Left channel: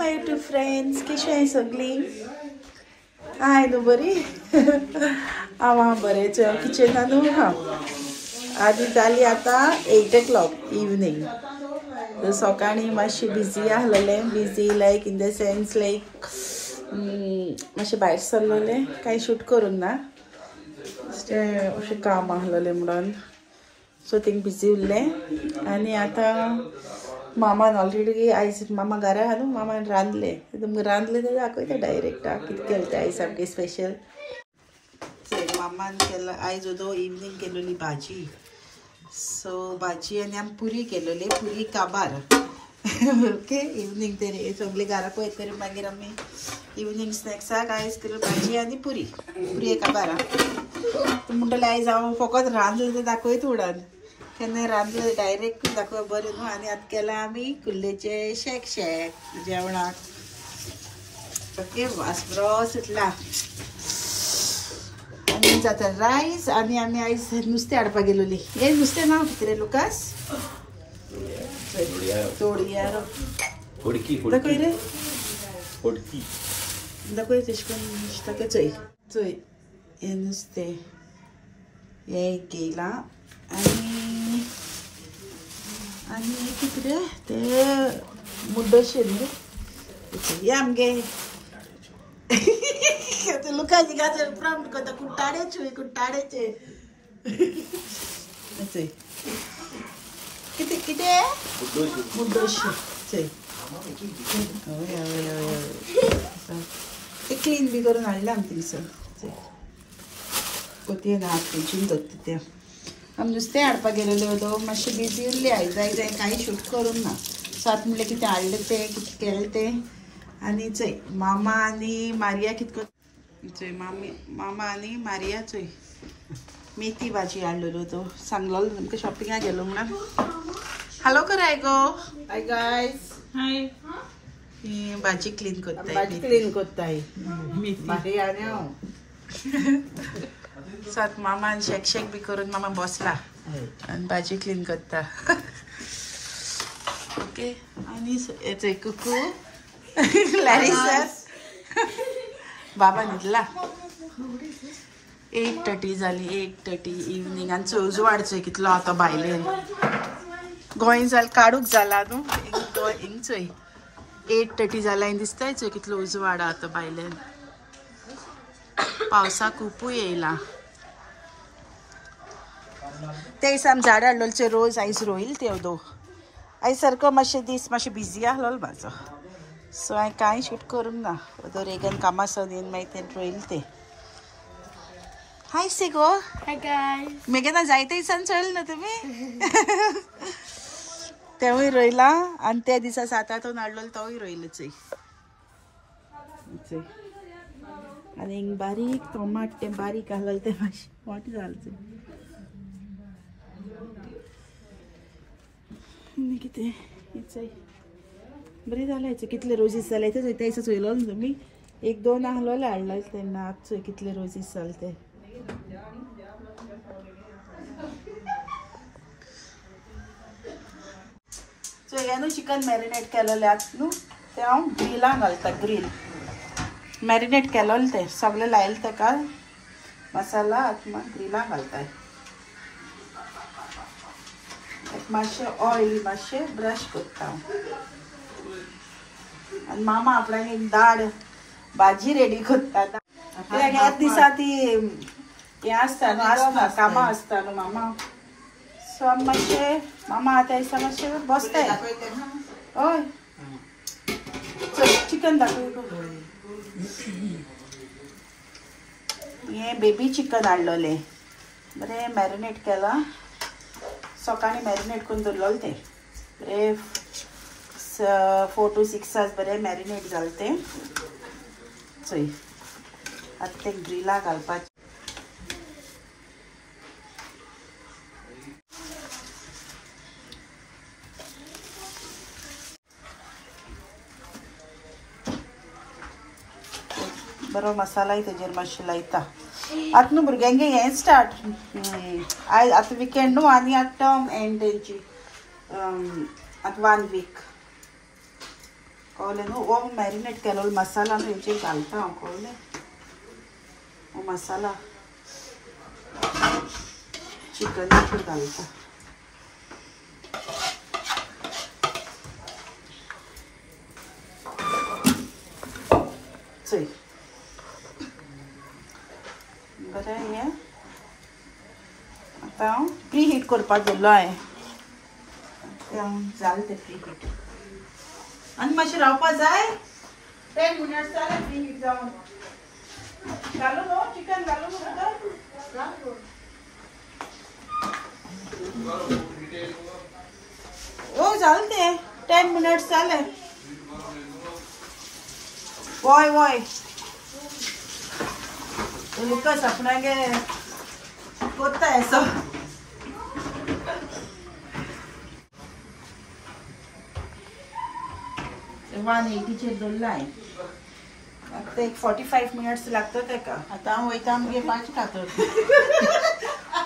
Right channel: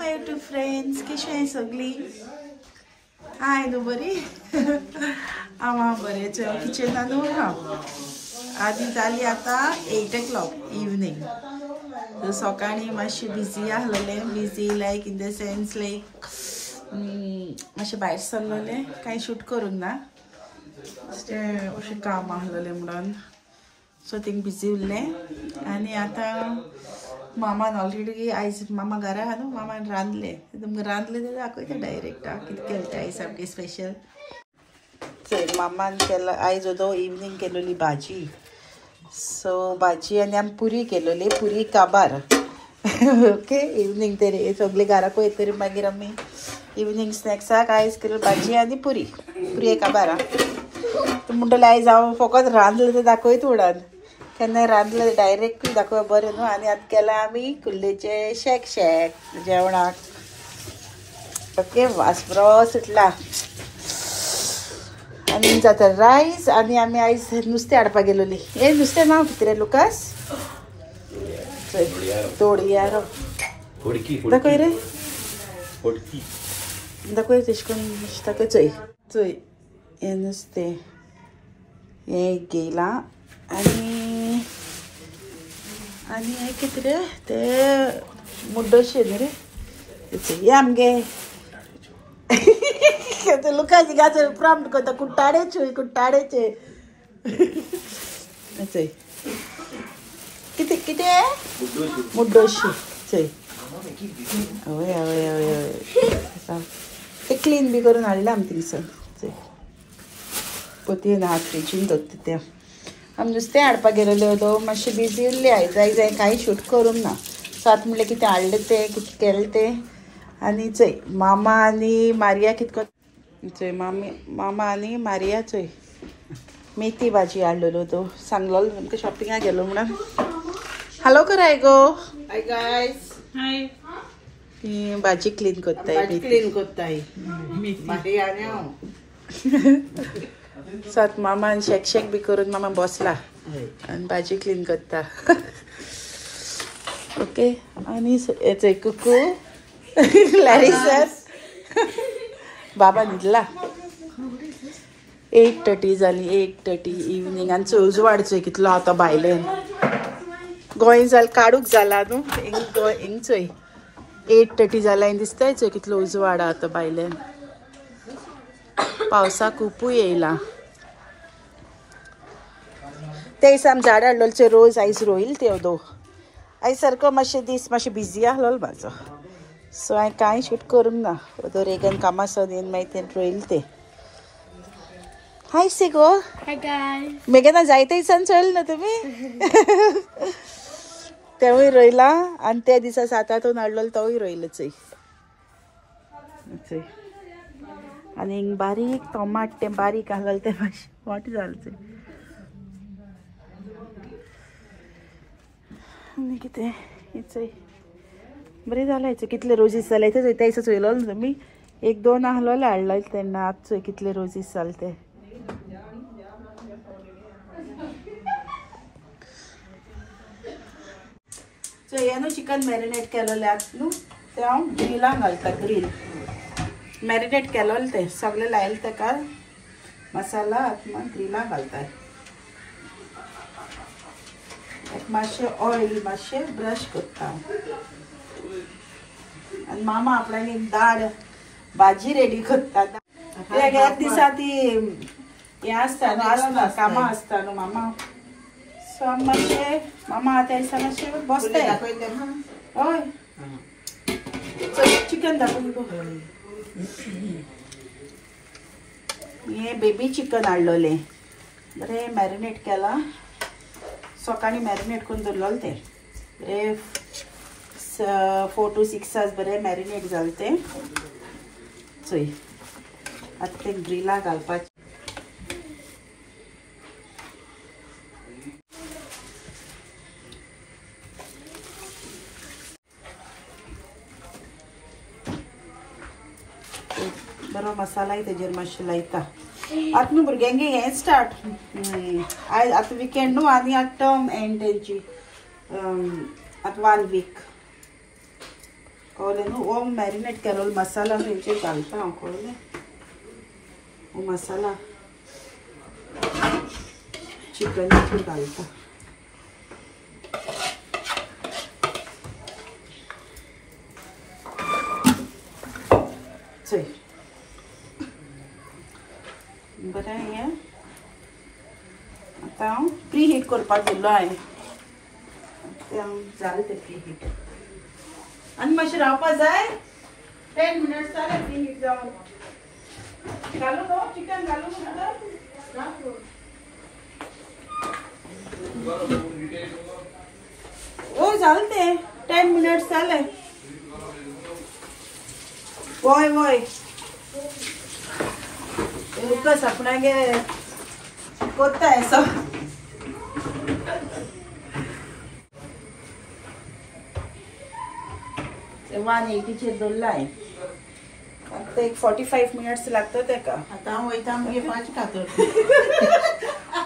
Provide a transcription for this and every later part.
My YouTube friends, कशी आहे सगळी? हाय न्हू बरी? हांव बरें. किचनान हांव आदी जाली आतां 8 o'clock इवनिंग. सकाळीं मातशें बिजी आहलोलें, busy like in the sense like मातशें भायर सरलोलें, कांय शूट करूंक ना, अशें काम आहलोलें म्हणून सो थिंग बिजी उरलें. आनी आतां मामान ऑलरेडी आयज मामा घरा आहा न्हू, मामान रांदलें. तुमकां रांदलें तें दाखयता डायरेक्ट कितें केलें तें आयज सामकें स्पेशल. मामान केला आयज ओदो इवनिंग केलोली भाजी. सो भाजी आनी आमी पुरी केलोली, पुरी काबार. ओके, इवनिंग तरी सगळीं घराक वयतरी मागीर आमी इवनिंग स्नॅक्साक आयज केलो भाजी आनी पुरी काबार. म्हणटलें आयज हांव फकत रांदलें तें दाखयत उडान, केन्ना रांदलें डायरेक्ट दाखोवप बरें न्हू. आनी आतां केलां आमी कुल्लेचें शेक जेवणाक. ओके, वास बरो सुटला. आनी जाता रायस. आनी आमी आयज नुस्तें हाडपाक गेलोली. हे नुस्तें नांव कितें रे लुकास? तोडयारो. दाखय रे, दाखय तेश करून ताका चोय हें नुस्तें हें घेयलां. आनी हें कितें रे तें मुड्डोशें न्ही रे. हे आमगे लुकास गाचो प्रॉम्प्ट करता, कुट्टाडेचे चोय कितें मुड्डोशें चोय. हय हय हय हय, ते क्लीन बी करून हाडलां आमी थिंगसर. चोय कोतयेन हात फ्रिजीन दवरता तें. आमी नुस्तें हाडपाक गेलेले ओदो, मातशें बिजी उरली आयज. आयज कांय शूट करूंक ना. सो आतां म्हणलें कितें हाडलें तें, कितें केलें तें. आनी चोय मामा आनी मारिया कितको चोय मामा आनी मारिया चोय मेथी भाजी हाडलेलो तो. सांगलो तुमकां शॉपिंगाक गेलो म्हणून. हॅलो कर गो. हाय गायस. हाय. भाजी क्लीन करताय. भाजी क्लीन करताय मारिया आनी हांव. सात मामान शेक बी करून मामा बसला आनी भाजी क्लीन करता. ओके, आनी चोय कुकू लॅरिसा बाबा न्हिदला. 8:30 जाली, 8:30 इवनिंग. आनी चोय उजवाड चोय कितलो आतां भायलेन गोंय जाल काडूक जाला न्हू. हिंग चोय 8:30 जाला आनी दिसताय चोय कितलो उजवाड आतां भायलेन. पावसाक खुपूय येयला. ते दिसा आमी झाड हाडलोले रोज आयज रोयल ते ओदो. आयज सारको मातशें दीस मातशें बिजी आहलो म्हाजो. सो हांवें कांय शूट करूंक ना. ओदो रेगन कामासून येवन मागीर तें रोयल ते. हाय सेगो. हाय गायस. मेघना जायते दिसान चल ना तुमी. तेवूय रोयला आनी त्या दिसा 7 हाडलो तोय रोयलो चोय. आनी हिंग बारीक टोमाट तें बारीक आहलोलें तें मातशें मोटें जालें चोय. आनी कितें हें चोय बरें जालें चोय. कितले रोजीस जाले ते त्या दिसा चोयलो न्हू तुमी. 1-2 आहलोले हाडलोले तेन्ना. आतां चोय कितले रोजीस जाले ते. चोय हे न्हू चिकन मॅरिनेट केलोलें आतां न्हू तें हांव ग्रिलान घालता. ग्रील मॅरिनेट केलोलें तें सगळें लायलें तेका मसाला. आतां ग्रिलान घालता. मातशें ऑयल मातशें ब्रश करता. आनी मामा आपल्यानी दाळ भाजी रेडी करता. ह्या दिसा ती हें आसता न्हू, कामां आसता न्हू मामा. सो मातशें मामा आतां दिसा मातशें बसताय. हय चिकन दाखय. हें बेबी चिकन हाडलोलें, बरें मॅरिनेट केलां. सकाळीं मॅरिनेट करून दवरलोलें तें बरें 4 to 6 hours बरें मॅरिनेट जालें तें. चोय आतां तें ग्रिलाक घालपाचें. बरो मसालाय तेजेर मातशें लायता. आतां न्हू भुरग्यांगे हें स्टार्ट. आयज आतां विकेंड न्हू आनी आतां टर्म एंड तेंची आतां 1 week. कळलें न्हू वो मॅरिनेट केलो मसाला हेचेर घालता हांव कळलें वो मसाला चिकन घालता चल बरें हें आतां हांव प्री हीट करपाक दवरलो हांवें जालें तें प्री हीट आनी मातशें रावपा जाय 10 मिनट्स जालें प्री हीट जावन घालूं न्हू चिकन घालूं भितर ओ जालें तें 10 मिनट्स जालें वय वय लुकस आपणागे कोत्ता ऐसा 180 दवरलाय आता एक 45 मिनिट्स लागतो तेका आता हांव वयता आमगे भाजी खातर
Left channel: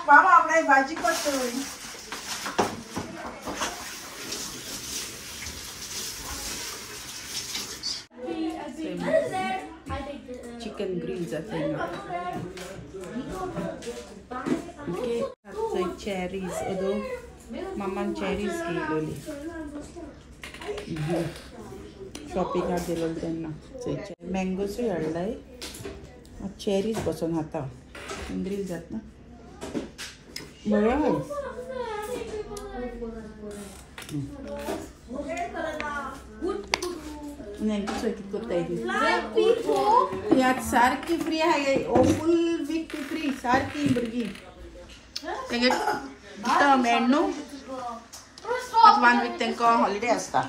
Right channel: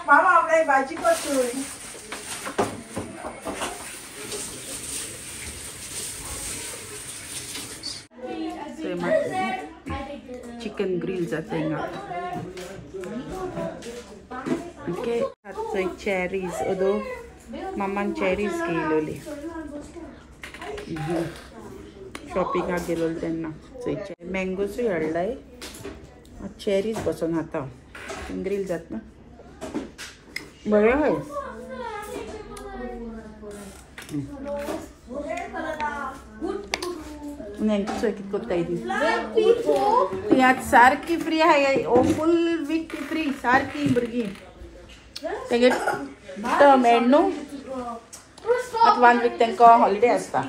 मामा आपणाक भाजी करता चिकन ग्रिल जाता हिंगा ओके चोय चेरीज अदो मामान चेरीज घेयलोली शॉपिंगाक गेलो तेन्ना चोय मँगोसूय हाडलाय चेरीज बसून खाता ग्रिल जाता बरें हय चोय कितें कोत्ताय ती आतां सारकी फ्री आहाय फूल वीक फ्री सारकी भुरगीं तेगे टर्म एंड न्हू आतां 1 वीक तांकां हॉलिडे आसता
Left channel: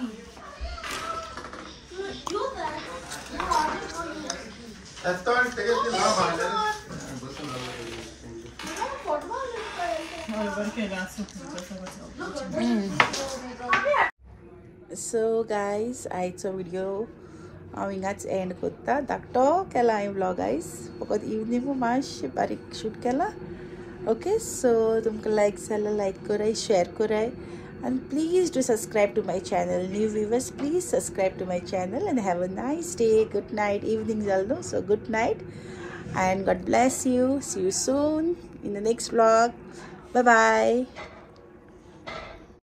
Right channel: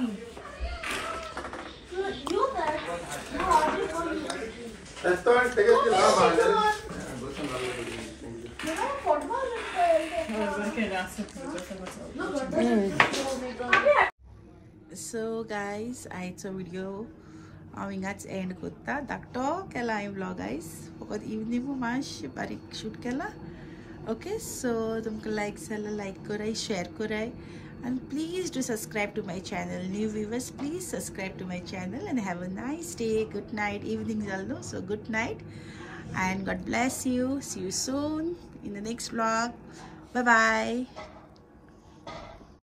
सो गायज आयचो व्हिडिओ हांव हिंगाच एंड कोत्ता धाकटो केला हांवें व्लॉग आयज फकत इवनिंगू मातशें बारीक शूट केला ओके सो तुमकां लायक जाल्यार लायक कराय शेअर कराय and please do subscribe to my channel. New viewers, please subscribe to my channel and have a nice day. Good night. Evening jaldo, so good night and God bless you. See you soon in the next vlog. Bye bye.